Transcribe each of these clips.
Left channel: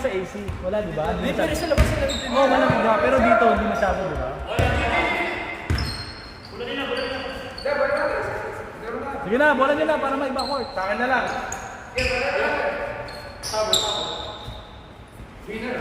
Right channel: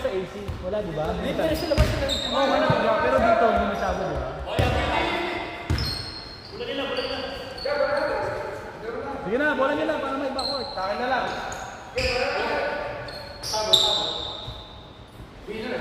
sa AC. Wala, di ba? Hindi, pero sa labas na rin. Oo, wala naman. Pero dito, hindi masyado, di ba? Sige na, bola nyo lang para maiba court. Sa akin na lang. Tabo. Winner.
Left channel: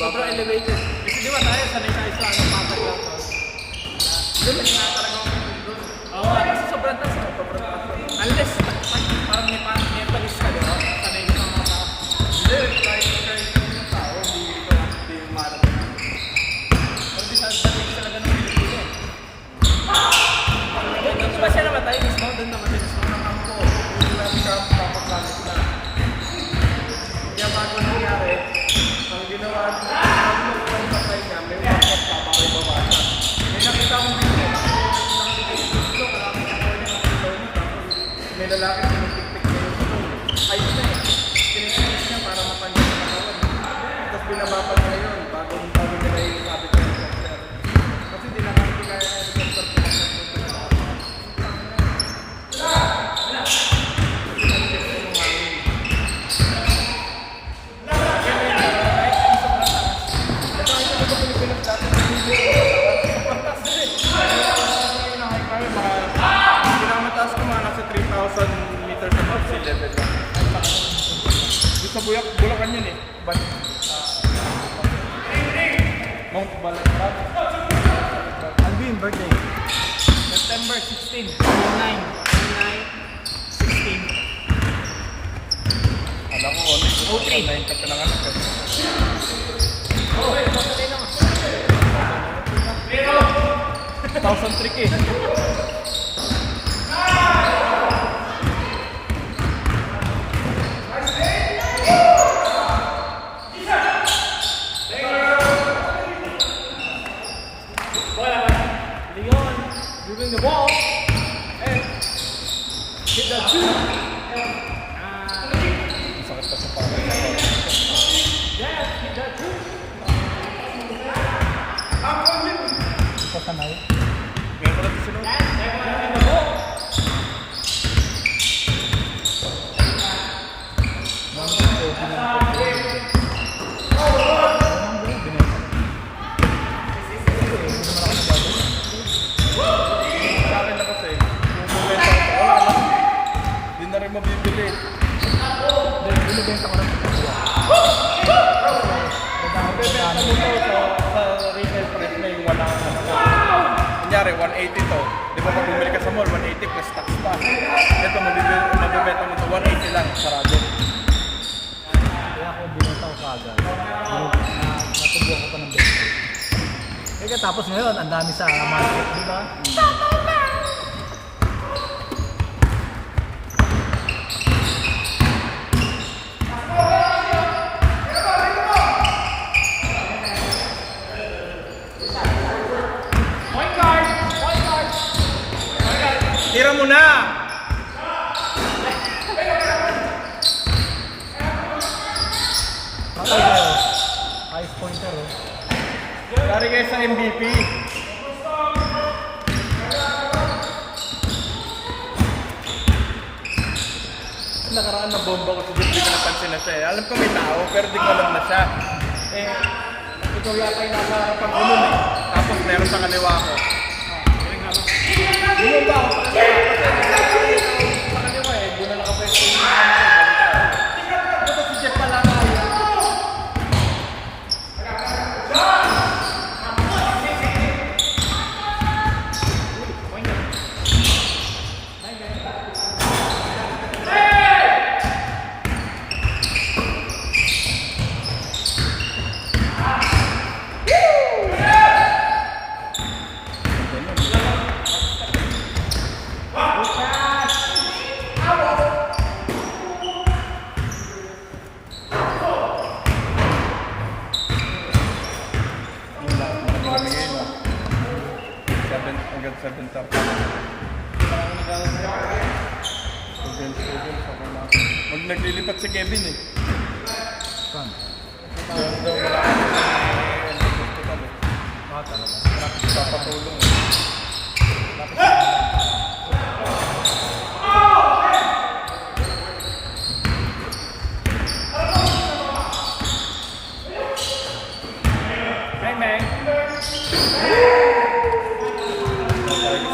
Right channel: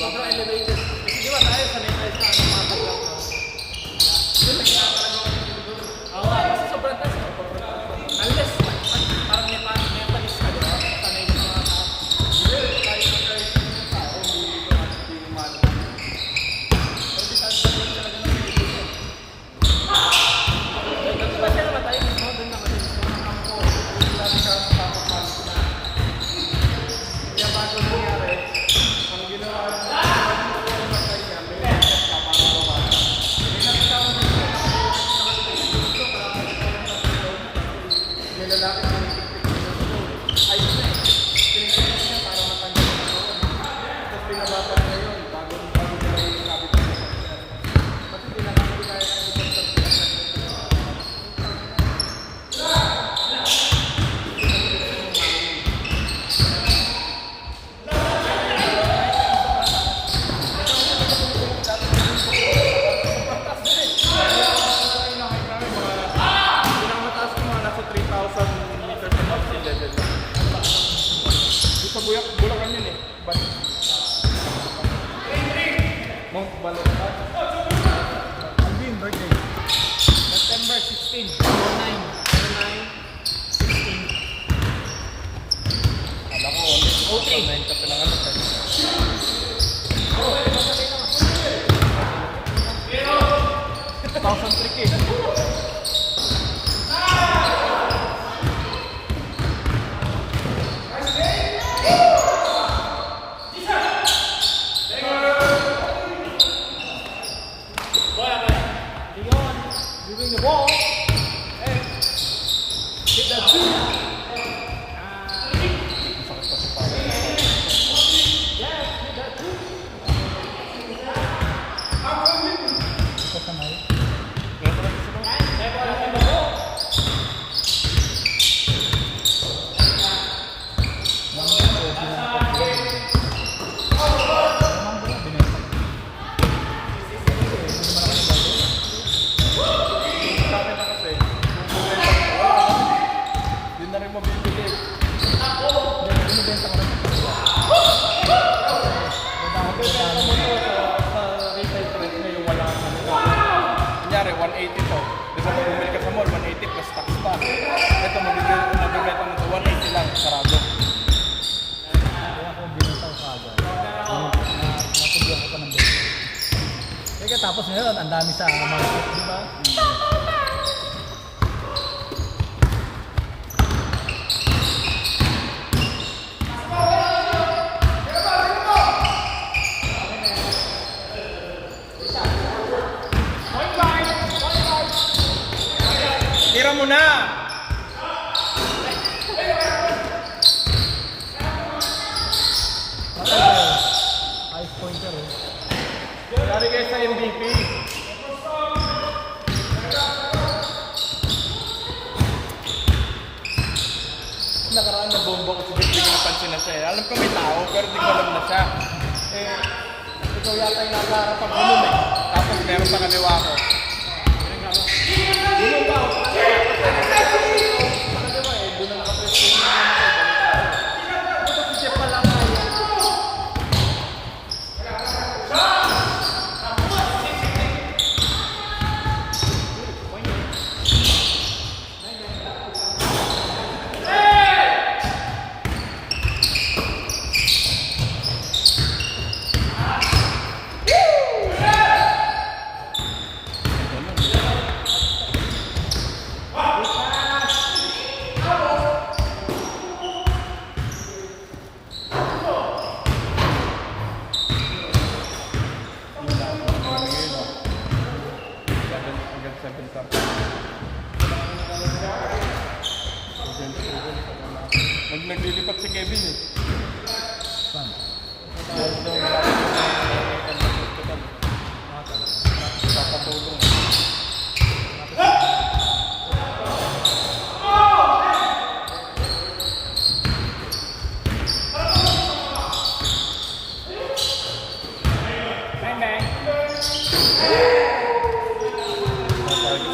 Sobrang elevated. Kasi di ba tayo sanay tayo sa ano mga tayo. Doon nagkakaraga ko doon. Oo nga, kasi sobrang taas ako. Sobrang taas ko. Unless, parang may mentalist ka doon. Sanay yung mga hindi, tayo yung tao. Hindi yung marami. Kasi sanay talaga ng Pilipinas. Doon ba siya naman tayo mismo? Doon naman din sa mga kampo. Doon namin sa papapago sila. Kaya bago nangyari, ang ginawa sa kanya, may wakot pa para bawasan. May nakita mo dito. May lalaki na nagpikpik na dito. Ayun na eh. Pinitinis niya para matanggal yung katawan. Tapos pinabapan niya yun bago nila yung sabit ng helicopter. Kasi di na kami pinaya ng helicopter. Bulakan yun eh. Mount Balaghat. Alvin, birthday. September 16. 9. 16. Alam ko, 09 ka pa lang ang pero 1,000 trick eh. Moving the ball. And hit that two. Kasamay. Kunyari, 180 to. Di ba pag bumili ka sa mall, 180 plus tax pa. Ito, mabibenta mo to 180 lang, sarado. Kaya ako binenta ko kaagad. Natubuhan ko pa ng benta. Kaya tapos ngayon, ang dami sa market, di ba? Tira mo na! Ice pointer eh. Lari kayo sa MVP. Nakaraan na bomba ko siguro hindi ko napansin na siya eh. Alam ko may tao pero di ko alam na siya. Eh, ikaw yata yung nakaharapang ko nun eh. Tapos meron sa kaliwa ko. Yun ba ako? lilipat si Kevin eh. Saan? Ah, talaga. Papatulong. Hi, Meg.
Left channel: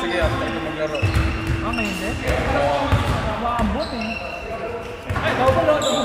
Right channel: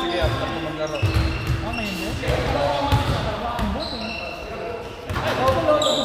Sige, after ko maglaro. Ah, may hindi? Maambot eh. Ay, ako lang.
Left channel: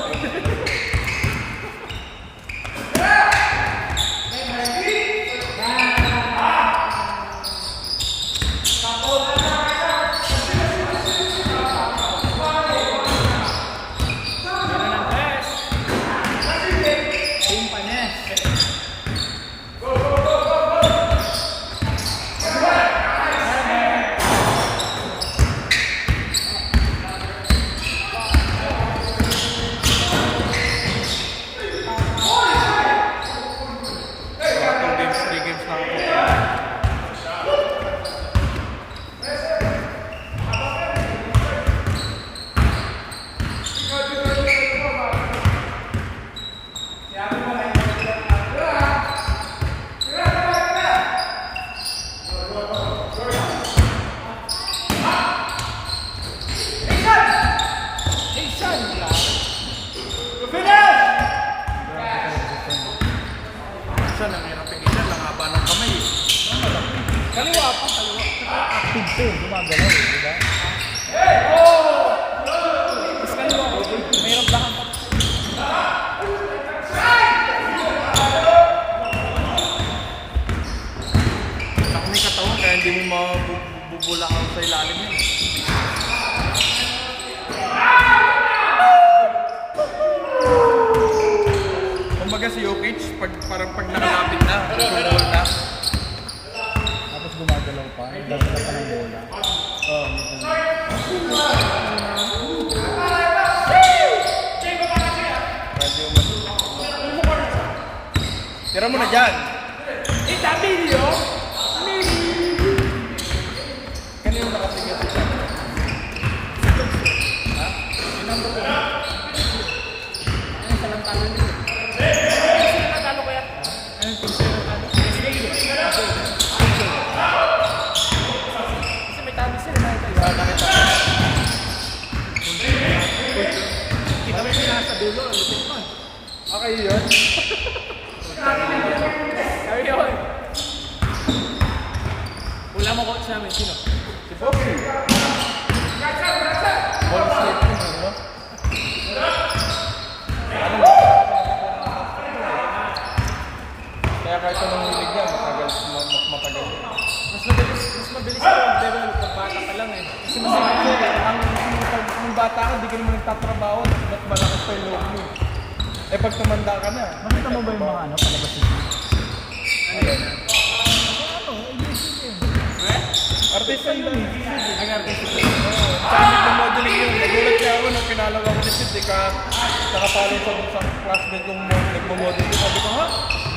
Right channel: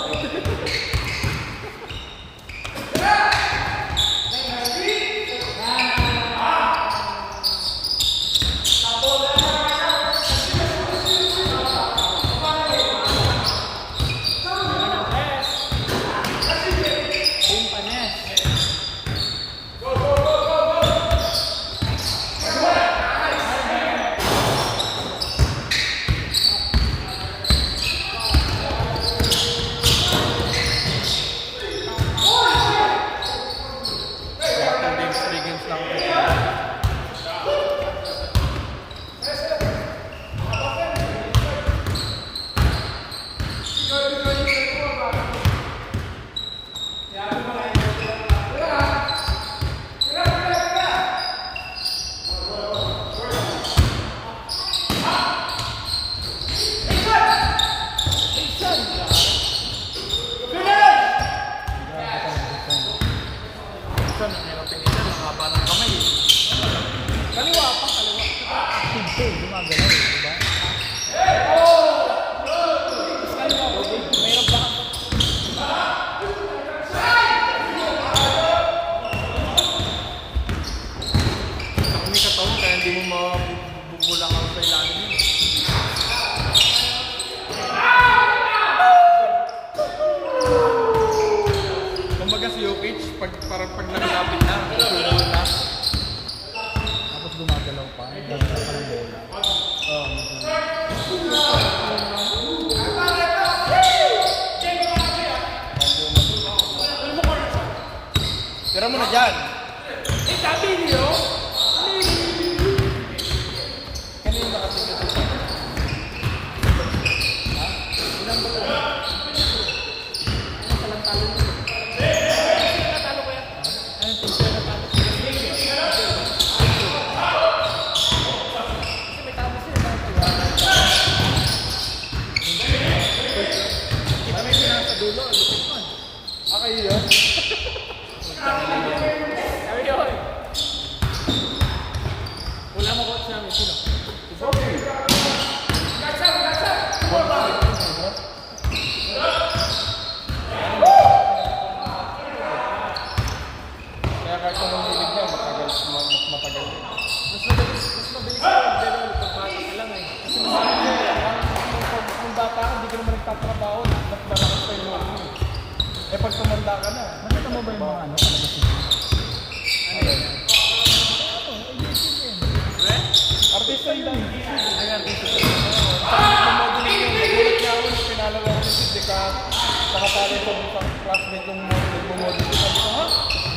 pag nakalapit na, roll na. Tapos gumagalaw pa. Gagalaw pa ng bola. Tira mo na dyan. Kanino nakasigat siya? Okay yun. Ayun. Wala mo coach namin. Sino? Kaya kahit anong hilig yan, mas matagal. Mas mabilis ko mag-develop ng bata ka lang eh. Kasi masakit yun eh. Ang bata ka, hindi ka naman nagtatrabaho. Ba't malakas pa yung loob mo? Eh pag tumanda ka na, Nakita mo ba yung mga ano, palabas nito? Ano yun? artista yun. Nag-artista yun. Sabi ng modeling yun, nagulat niya ako nung pinalaw ako ni Sid, ka nakapali sa classmate yung nagmo-modeling. Sabi ko, ha?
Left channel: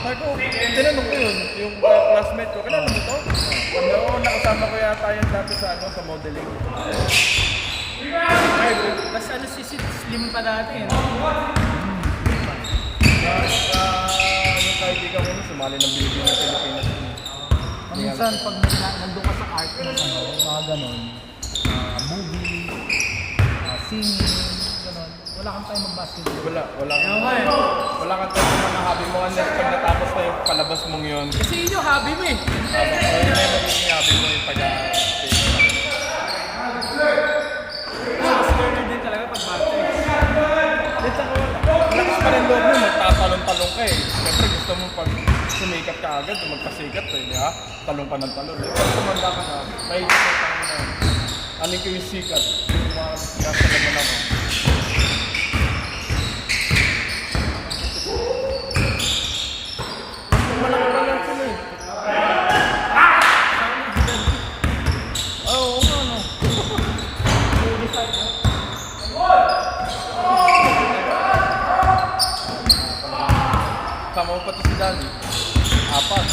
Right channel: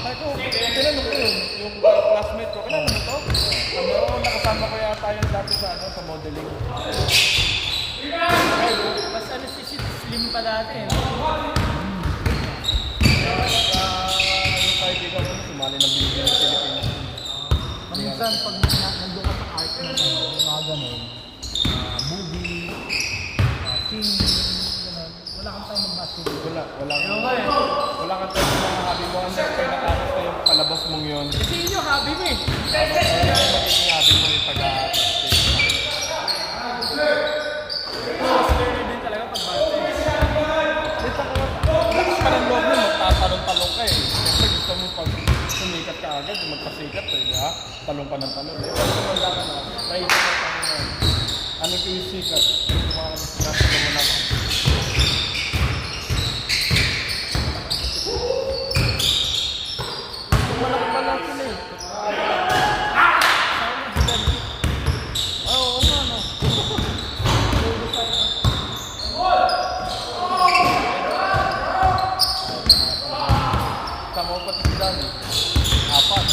Sabi ko, tinanong ko yun, yung classmate ko, kailan mo ito? Sabi ko, nakasama ko yata yung dati sa modeling. Tapos ano si Sid, slim pa dati eh. Yung kaibigan ko, sumali ng Bigyan ng Pilipinas. Minsan, pag nandun ka sa art na ano, mga ganun, movie, singing, ganun, wala kang time mag-basketball. Wala Ayun nga eh. wala kang tayo mga hobby mo, unless pag natapos na yung palabas mong yun. Kasi yun yung hobby mo eh. Yung hobby mo yung Mas learner din talaga pag bata eh. lakas pa ng loob mo, magtatalong-talong ka eh. Kasi gusto mo pag sumikat ka agad, magpasikat eh, di ba? Talong pa ng talong. Pag tumanda ka na, naisip ka na, aning ko yung sikat, nasa naman ako. Malaki pa lang sila eh. Oo, ano. Tama pati si Dani. Apat.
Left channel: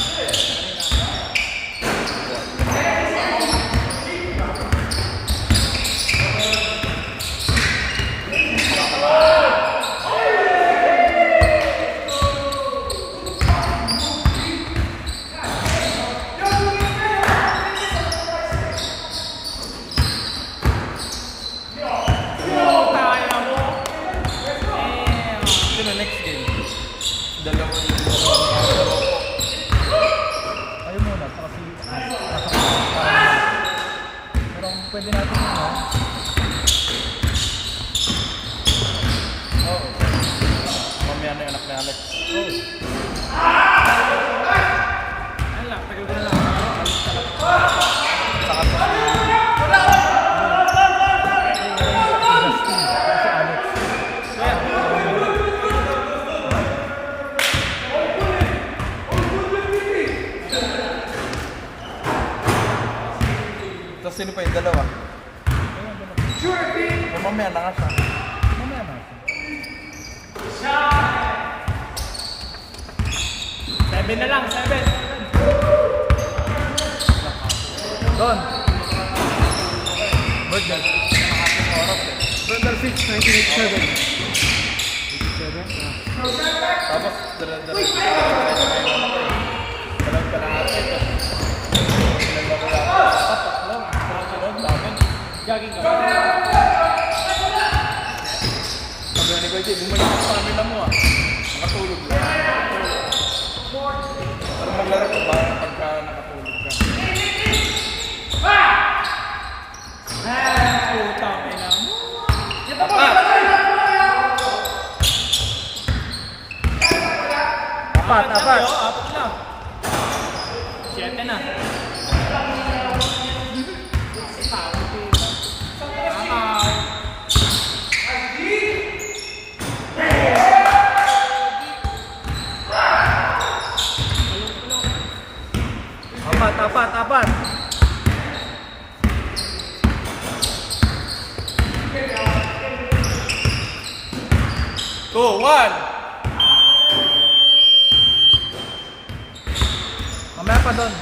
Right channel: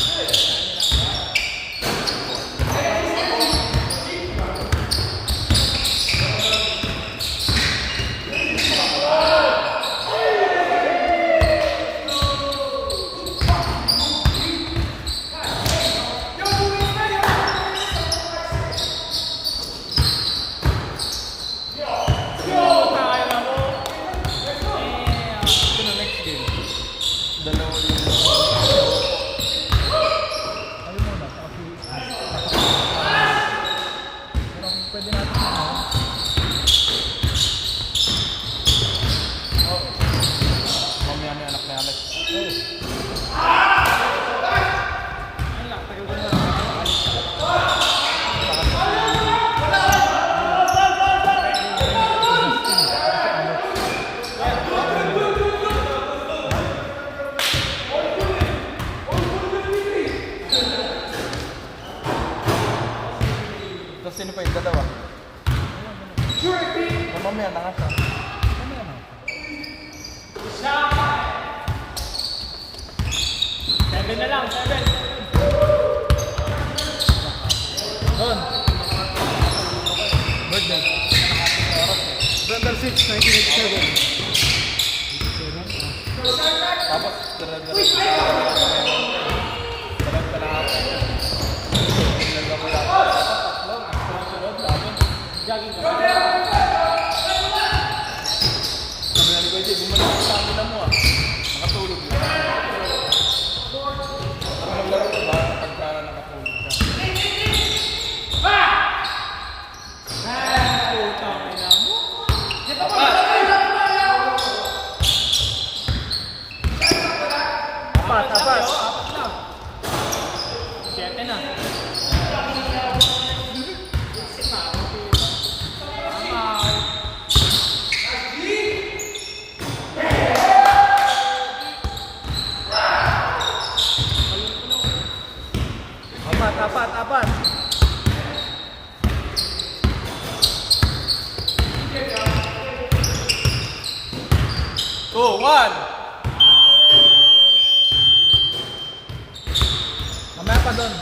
pwede natin ano. Oh. Mamaya na yung anak ni Alex. Oh. Tapos sino pa yung dalawa? Yung mamaya na nga siya. Mamaya na. 7 na lang, 7. Don. Birthday. Birthday 6, 1987. 87? Tapos, Gaging ka. sabi ni Kuya Jay, bumalik ang pamila mo ah. Nakatulog lang. Pero maglaro ka ba pagka nakatulog ka? Putang ina mo. Apat, apat. Apat lang. 7 na. Apat, apat, apat. Two, one! Mamaya pa doon.